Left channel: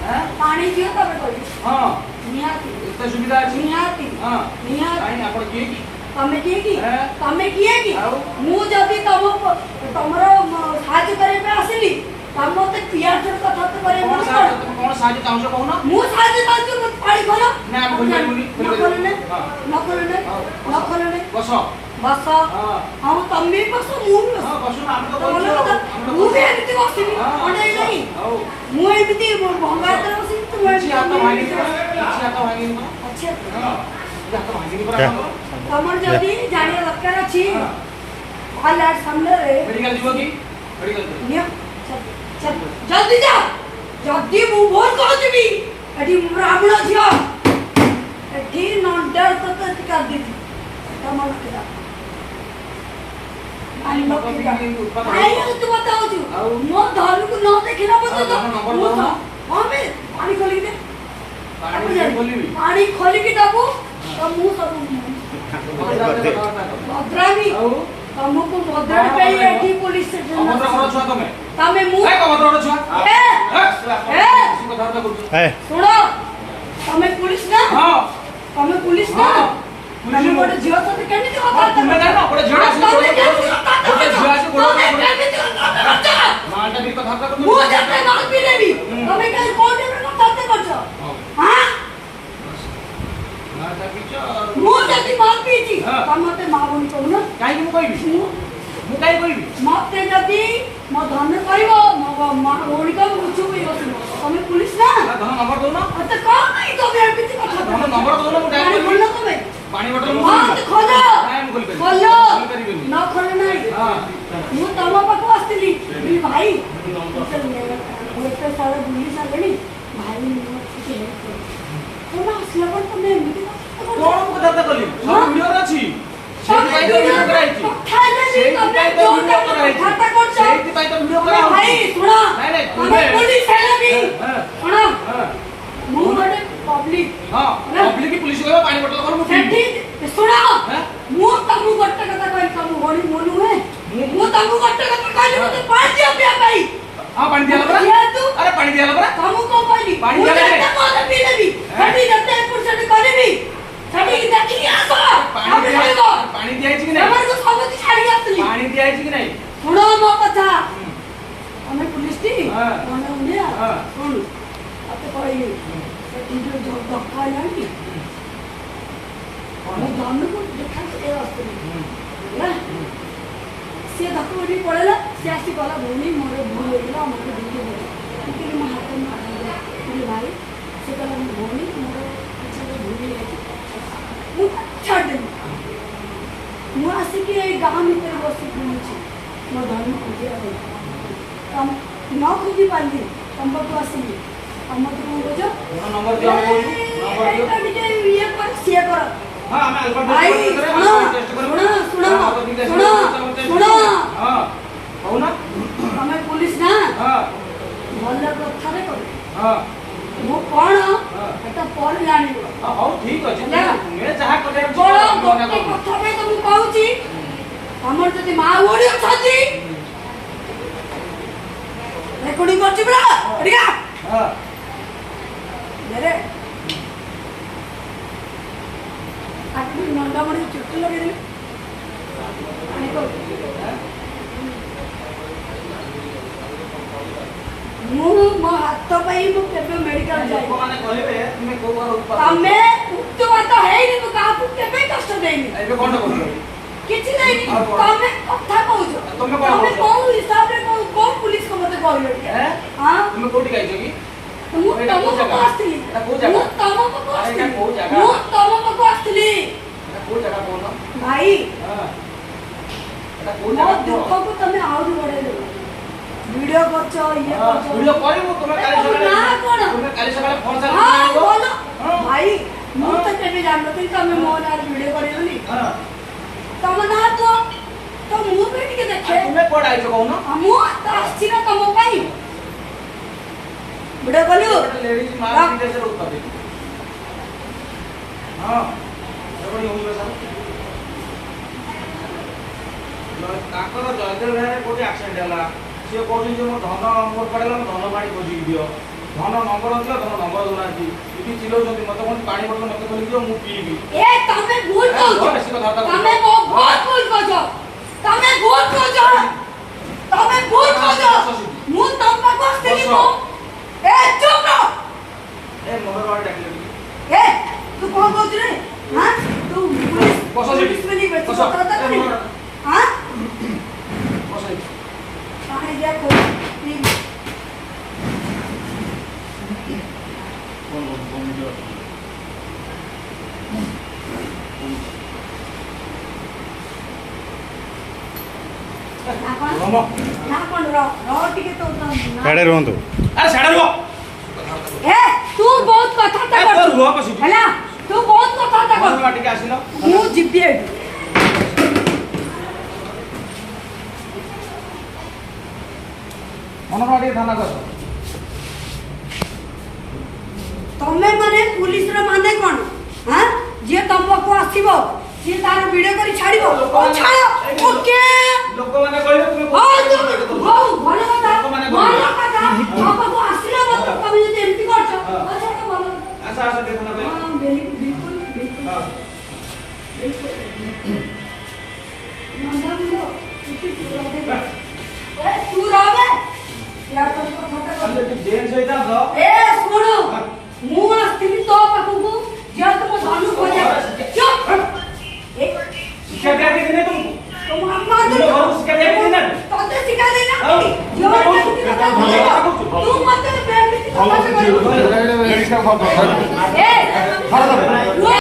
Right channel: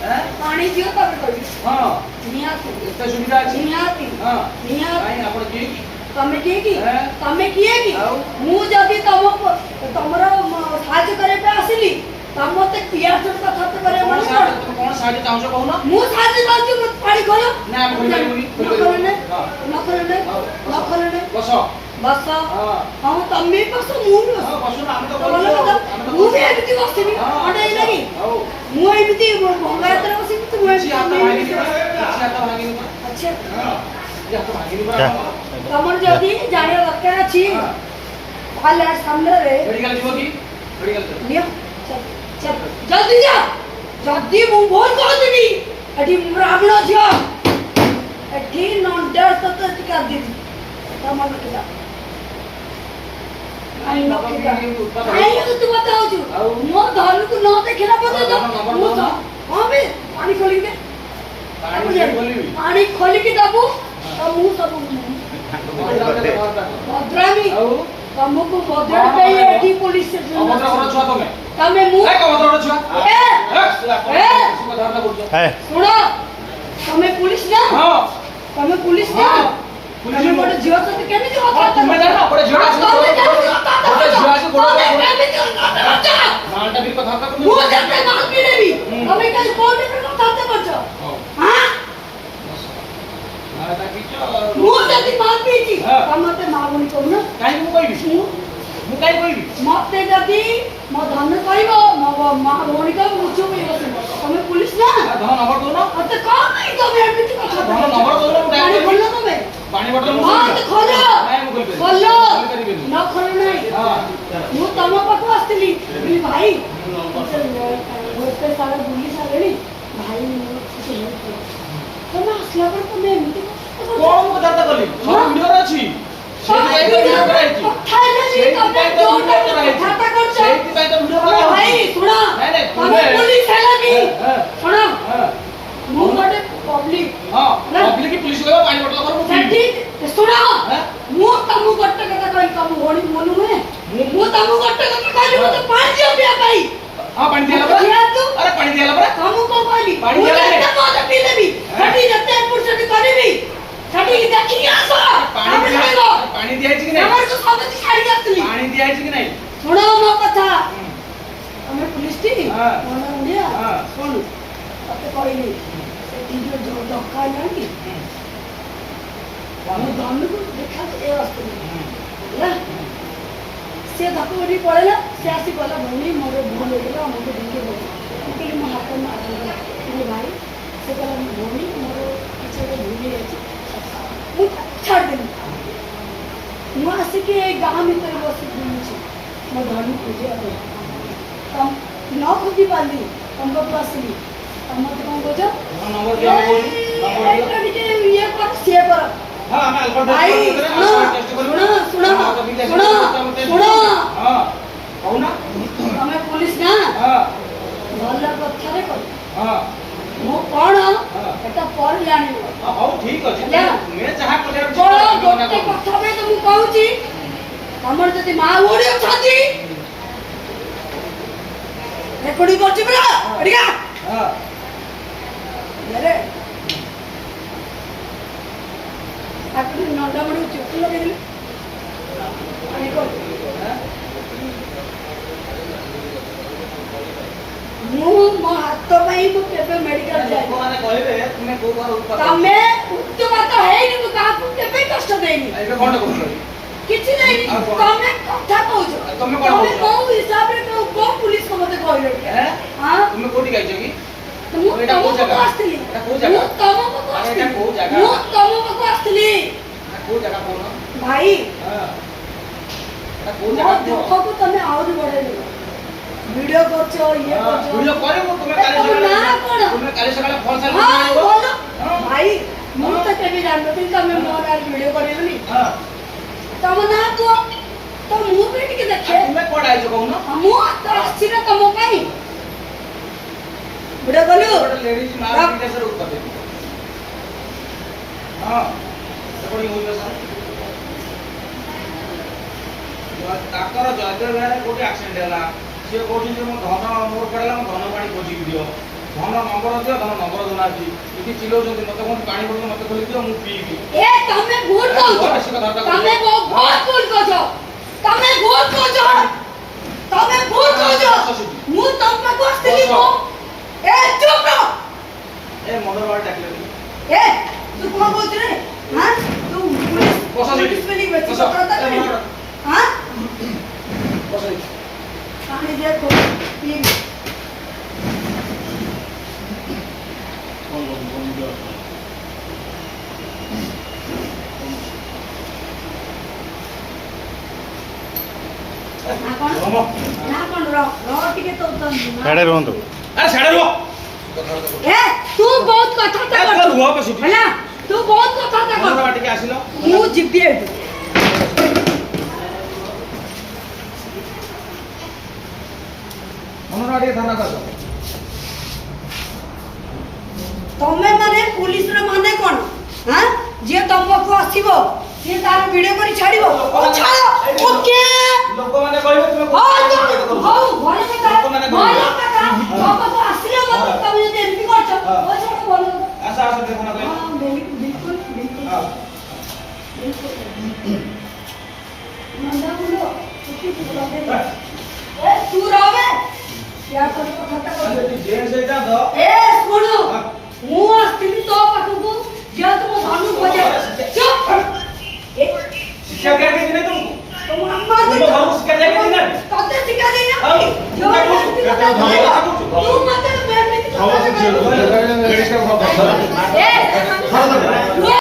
पानी दियो तब कोई हां नियाती इतना सुविधा अछि नियाती हां नियाती काई आपण के की तमे किए की तमे किए की मु जदी तमको तमरो साहाय्य करे पे आसली तम मते पियार छोड़ कथा तो करे मन कोन साहाय्य चाहू कहू ना मु साहाय्य चाहू मत पानी खोलो ना आप खोल पाइबुनी न खोलने बस बस हां तमे बस मु हां बस ना हम तो मु भी एमिति बसनी अडे नहीं मु एमिति भंगातर बसनी तू छी हाथ भागी अच्छा हाथ भागी पर तमर जदी जानिया दरकार अछि हाल सामने रे मेडिकल जीव की मेडिकल लिया चल जल्दी जा जल्दी मु बोल को देबी एठी ब्राह्मण छियो एठी नंदर तत टिका दीदी तमर किला आई नो किला आई तू बताओ छु मो धन को न देखला पतो तो मु तो हां बे पानी खोली दे पानी खोली की दाबू तो मु सब भद्रामी तमको भद्रा पे एठी पुलिस स्टेशन भद्रा छुआ तमे मु ए भद्रा छुआ ए सुनो तमे पुलिस ना हां तमे पुलिस ना पुलिस तमे बड़े झियो तो केने जो बात तुमे जानो बड़े झियो आसी बड़े झियो आसी मालटा भी कथा को मु जते माल पी देबी तमे के कोर्ट में कथा करछो हां मालटा भी मु जति माल पीची तमते मागुनी कहू ना काई मु कहबी मु काई कहबी मते जति म धन कहबो म मा भौणी का मुछु भी होसी तमे पुलिस ना धन नंबर दो ना अते का नहीं तमे एमिति कथा धन नंबर दो ना पानी खोलो तमे पानी बोतल मु हां तो खोलो काई मु खोल खोलो करिबेनी न खोलो नहीं हां मु तम पाखु आस्तिली बोली भाई गोटे साल बुली सालेनी भाई मो छुटे तमे असला पर तमे एमिति कोन मु कथा कली सब वीडियो रे अछि सेही पाई तो वीडियो कराइछि सेही पाई तो वीडियो कराइछि सेही पाई तो वीडियो कराइछि भाई सुनो नहीं नहीं तुमे पुलिस है नहीं सुनो मु गोटे पब्लिक हां पब्लिक की पुलिस को पानी बोतल कर मु सेठी सुनो मु तमु गोटे कथा कहली तमु होनी मोनु है मु तमु गोटे कथा कहली मते पानी दियो पिया भाई हां पानी दियाला पर अरे पानी दियाला पर तमु को कहली पानी दियाला रे मते पी देबी सेठी रते पुरसटी करबी सेठी की देखि आसो पानी दिया कि नहीं हमर को समझ छाड़ी आतली पानी दिया कि नहीं सुनो मो कथा हमें पुलिस टी कोन इंडिया सुन तते कहली सेठी जो धक्का नहीं हम दाम को देखा ए रास्ते ना से धक्का पड़ेला से आसी कहला भूमि मोर भूल हो गेला हमके दिखे बोला कि मैं हाथ में मार दिया भाई से कहला भूमि मोर पीछे भूल गई मु छाड़ दे मु आसी के गांव में पर बस छी मो धर्म पूजा है तम न पूजी पाली तम को आसी तम तो कौन बोझो नंबर दिया कोई नंबर दिया के ये कर से कर हां मैं अल्फा भाई सुनो हां कहू ना हमें पुलिस ना हां भल कथा रे कर हां मो कोन एटा पर जानि हां ठीक अछि मैं जहां करे बड़ा गोटे कथा में तो मु कहूची हमर जति मा ओडी अछती रेकॉर्डिंग करछि बरा अडिया हां मेरे आपनी नंदा मडी चोट लगे दिले अनि को मु मा हाथ पई मु केबे मेडिकल जाई माने कहबे तुमे को बार ऊपर तमे उच्च बात है नि तू काहू केबे कष्ट देनी एबे कोन करलो किछि नहीं तमे कथा कहू तमे को हिसाब रे को पुलिस को मते कहलो हैं हां तुमे कोठी गाइछ की मु तम को आस्तिली एटा को जगह मु तम को अरे एटा को जगह मु तम को आस्तिली को जगह कोन भाई हां एटा को मो जगह दुख को तमे आउरी बढे दे वीडियो करछो ये करछो वीडियो करबो तुमे काली ना कोन तुमे काली सकाळे फोन से हां बोलो भाई मु तो केबे जानतो तमे मोन आर वीडियो करेबली हां तम ना तो मु भी टिके देखे तुमे कोड आइछो कहू ना मु तो आछि ना तम पई वीडियो कलु लेडीज मार दे सर उत्तर दे हां बड़ी होई सर ताकर जयदेव गारे कोटे एक्सीडेंट होला से कोठी जे मो धन मोर पड़ला मो धन पानी खोजी दियो ଧନ ନମ୍ବର ଦିଅ ଧନ ନମ୍ବର ଦଉନାହାନ୍ତି ଏଠି ଚିଲଉଛନ୍ତି ମତେ କହୁଛନ୍ତି ପାଣି ବୋତଲ ମତେ ଖୋଲି ଦିଅ ମୁଁ ପିଇବି ଏ ତମେ ଭୁଲ କହୁଛ ତମେ ବହୁତ ଭୁଲ କହୁଛ ତମେ ଭୁଲ କହୁଛ ତମେ ଭୁଲ କହୁଛ ମୁଁ ତମ ପାଖକୁ ଆସିଥିଲି ତ ଏ ଚୁପ ରହ ଏ ମଗର ବାଡି ଡାକିଲ ଟିକେ ଏ ତୁ କଣ କହୁଛୁ ରେ ହାଁ ତୁ ପୁଲିସ ବସ ସେଠି। ପୁଲିସ ବୋଲି ବେଶୀ ବସ। କଥା କରିବି ହାଁ ବସ ଏଠି। ପାଣି ଦିଆ ଖୋ ପିଇ ନା କଣ ରମ। ନା କଣ ରହ ଟିକେ ତ ସାଡ଼େ ରୁହନ୍ତୁ। ଆରେ ସାଡେ ରୁହ ଏ ତୁ ବହୁତ କଥାବାର୍ତ୍ତା ଏ, ତ କରୁଛୁ ରୁହ ବସିକି। ହେଲା ତୁ ବହୁତ କଥାବାର୍ତ୍ତା ମଗର କରୁଛୁ ବାଡି ଟିକେ ଆସିଲ ମୁଁ ଯିବି ଏଠୁ ମନର ବାଡି ଟିକେ ଥାନା କର ତମେ ମାନେ ପୁଲିସର ମାନେ କଣ ହାଁ ଯିଏ ତମ ପାଖକୁ ଆସିବ ସିଏ ତାର ଭିଡିଓ କରି ଛାଡିବ ଓ ଛାଡ ଓକେ ଲୋକମାନେ କହିବେ ତୁମେ ହଉ ହଉ ଭଲ କଥା ଲୋକମାନେ ଭଲ କହିବେ। କଥା ତମ ପାଖକୁ ଆସିଲେ ମଧ୍ୟ ତମେ ଯଦି ଏମିତି କରୁଛ ହଁ। ଆଚ୍ଛା ଭଲ ଆସ ଆସ ଟିକେ ଥାନା କହିବେ ହଁ ବିଲକୁଲ ବିଲକୁଲ ହଁ ନନ୍ଦା ମୁଣ୍ଡ ତୁ ରହବେ ୟା କରି କଥାଟା କର ଯଦି ଜେମ୍ସ ହେଇଥାନ୍ତ ଏ ଶୁଣୁ ମୁଁ ଆସିଥିଲି ତୋ ପାଖକୁ ଯେହେତୁ ମୋ ଧନୁ ଖୋଜା ଚୁପ ଏ ଶିକ୍ଷା ଦିଆଯାଇଛି ନାହିଁ ତୁମକୁ ତମ ତୁମ ଘରକୁ ଶିକ୍ଷା ଦିଆଯାଇଛି ନା ତତେ ଶିଖା ଦେଇନା ଆଉ ଯୋଉ ଏମିତି କଥା କହୁଛୁ ତୁ ମତେ ଏମିତି କଥା କହୁଛୁ ଏ ରୁହ